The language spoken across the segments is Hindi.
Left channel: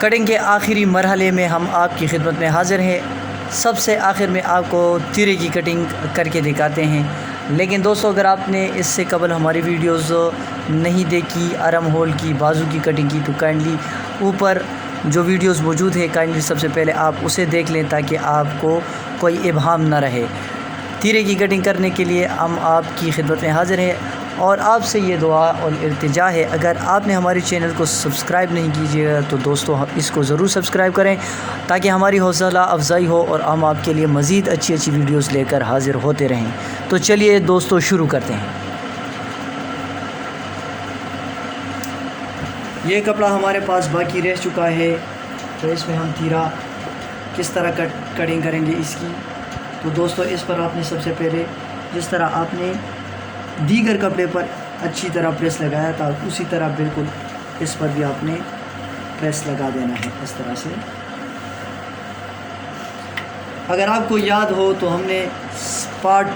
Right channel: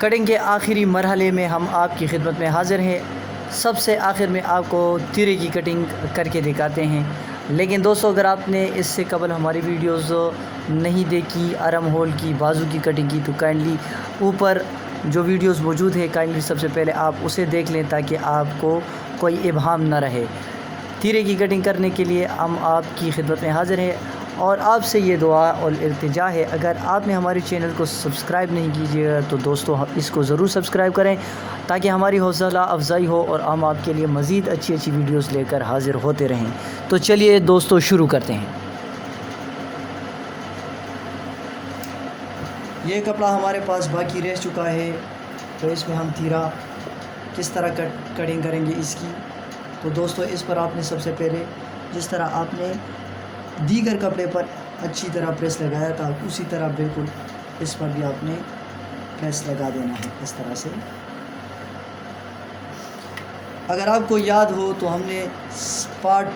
कटिंग के आखिरी मरहले में हम आपकी खिदमत में हाज़िर हैं। सबसे आखिर में आपको तीरे की कटिंग करके दिखाते हैं। लेकिन दोस्तों, अगर आपने इससे कबल हमारी वीडियोस नहीं देखी आर्म होल की, बाजू की कटिंग की, तो काइंडली ऊपर जो वीडियोस मौजूद है काइंडली सबसे पहले आप उसे देख लें ताकि आपको कोई इबहम ना रहे। तीरे की कटिंग करने के लिए हम आपकी खिदमत में हाज़िर हैं और आपसे ये दुआ और इल्तिजा है, अगर आपने हमारे चैनल को सब्सक्राइब नहीं कीजिएगा तो दोस्तों इसको ज़रूर सब्सक्राइब करें ताकि हमारी हौसला अफजाई हो और हम आपके लिए मज़ीद अच्छी अच्छी वीडियोस लेकर हाज़िर होते रहें। तो चलिए दोस्तों शुरू करते हैं। ये कपड़ा हमारे पास बाकी रह चुका है, तो इसमें हम तीरा किस तरह कटिंग करेंगे इसकी। तो दोस्तों, इस पर आपने सबसे पहले जिस तरह आपने दीगर कपड़े पर अच्छी तरह प्रेस लगाया था, उसी तरह बिल्कुल इस पर भी आपने प्रेस लगा देना है इस तरह से। अगर आपको याद हो तो हमने पार्ट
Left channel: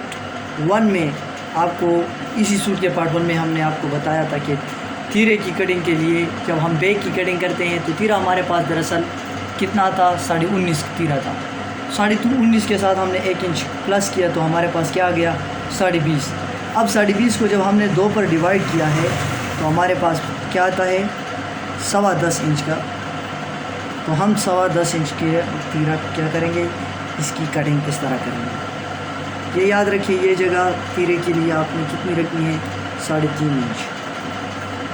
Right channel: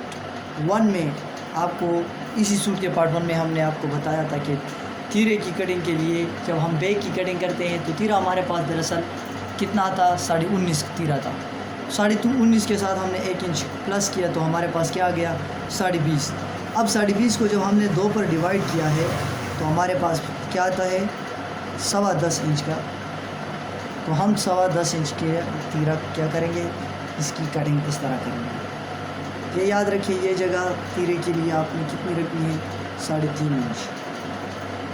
1 में आपको इसी सूट के पार्ट 1 में हमने आपको बताया था कि तीरे की कटिंग के लिए जब हम बैक की कटिंग करते हैं तो तीरा हमारे पास दरअसल कितना था, 19.5 तीरा था। 19.5 के साथ हमने 1 इंच प्लस किया तो हमारे पास क्या आ गया, 20.5। अब 20.5 को जब हमने 2 पर डिवाइड किया है तो हमारे पास क्या आता है, 10.25 इंच का। तो हम 10.25 इंच की तीरा क्या करेंगे, इसकी कटिंग किस तरह करेंगे। ये याद रखिए, ये जगह तीरे के लिए आपने कितनी रखनी है, 3.5 इंच।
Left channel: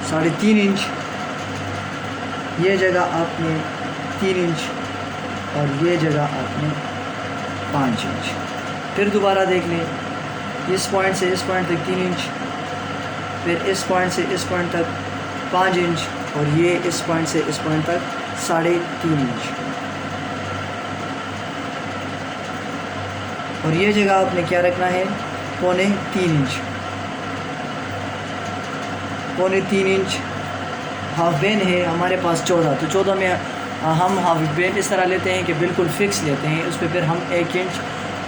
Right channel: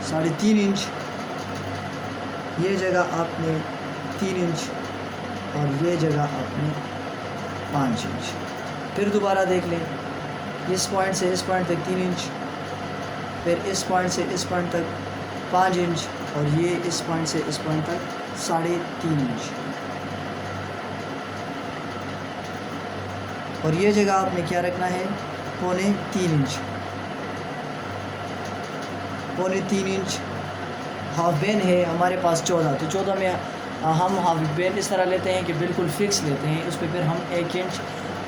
3.5 इंच ये जगह आपने 3 इंच और ये जगह आपने 5 इंच। फिर दोबारा देख लें, इस पॉइंट से इस पॉइंट तक 3 इंच, फिर इस पॉइंट से इस पॉइंट तक 5 इंच और ये इस पॉइंट से इस पॉइंट तक 3.5 इंच। और ये जगह आपने क्या रखना है, 3.25 इंच। 3.25 इंच हाफ बेन है हमारे पास 14, तो 14 में हम हाफ बेन इस तरह लेते हैं कि बिल्कुल फिक्स लेते हैं, उस पर फिर हम 1 इंच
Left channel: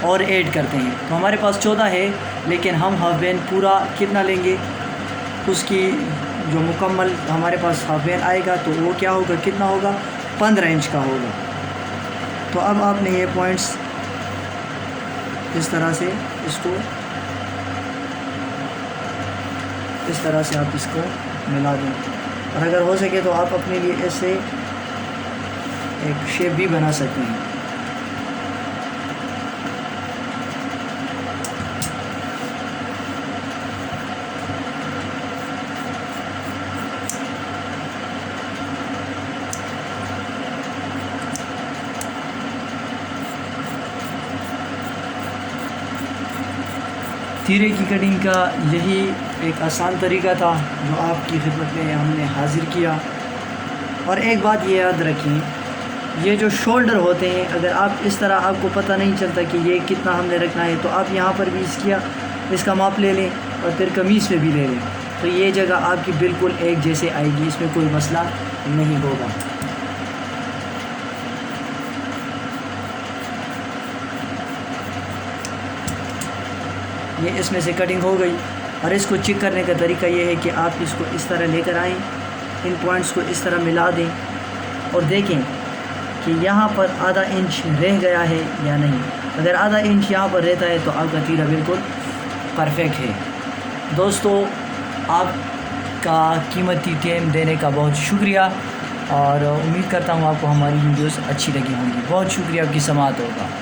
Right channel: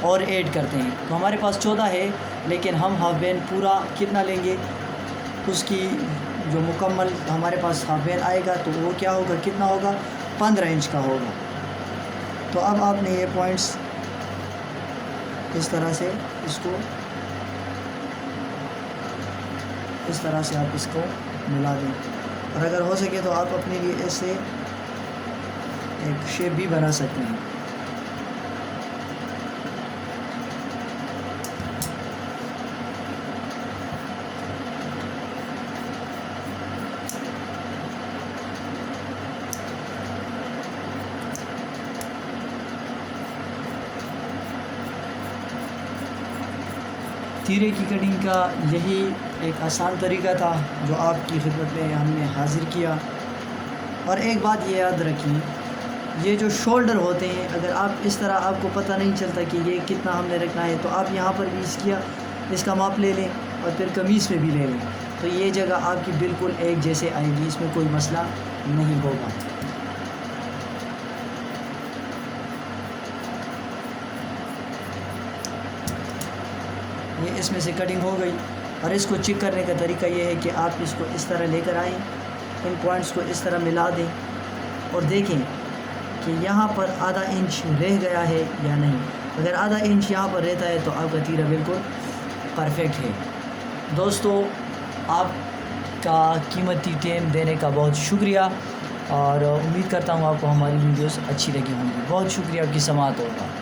और ऐड करते हैं। तो हमारे पास 14 है, लेकिन हम हाफ बेन पूरा कितना लेंगे, उसकी जो मुकम्मल हमारे पास हाफ बेन आएगा तो वो क्या होगा, कितना होगा, 15 इंच का होगा। तो अब आपने ये पॉइंट्स इस तरह से इसको इस तरह से आप इसको मिला दें, और अगर हो सके तो आप अपने लिए ऐसे एक शेप भी बना सकते हैं। तीरे की कटिंग का यही एक आसान तरीका था जो आपकी खिदमत में हमने हाज़िर किया। और एक बात ये याद रखिए, ये जो शोल्डर होते हैं, अगर आप इस तरह आपको पता नहीं चलता कि ये कितना हमने रखना है, तो आप यहाँ पर भी इसका माप ले लें और फिर कमीज़ पे भी ले लें, तो ये जगह आपकी बिल्कुल एक जैसे आएगी, इसमें कोई मसला नहीं होगा। ये इसमें से कटिंग हो गई। और इसको चेक करने का तरीका ये है कि आप इसको इस तरह लेकर आएँ, इन पॉइंट्स को इस तरह मिला दें और देखें कि यहाँ पर आधा इंच रह गया है या नहीं। अगर आधा इंच यहाँ पर रहता है तो आपका तीरा बिल्कुल परफेक्ट है। दोस्तों, आपका कीमती टाइम देने का बहुत शुक्रिया और उम्मीद करता हूँ आपको हमारी वीडियोस अच्छी लगी होगी। बहुत शुक्रिया, आपकी समाअत होगा।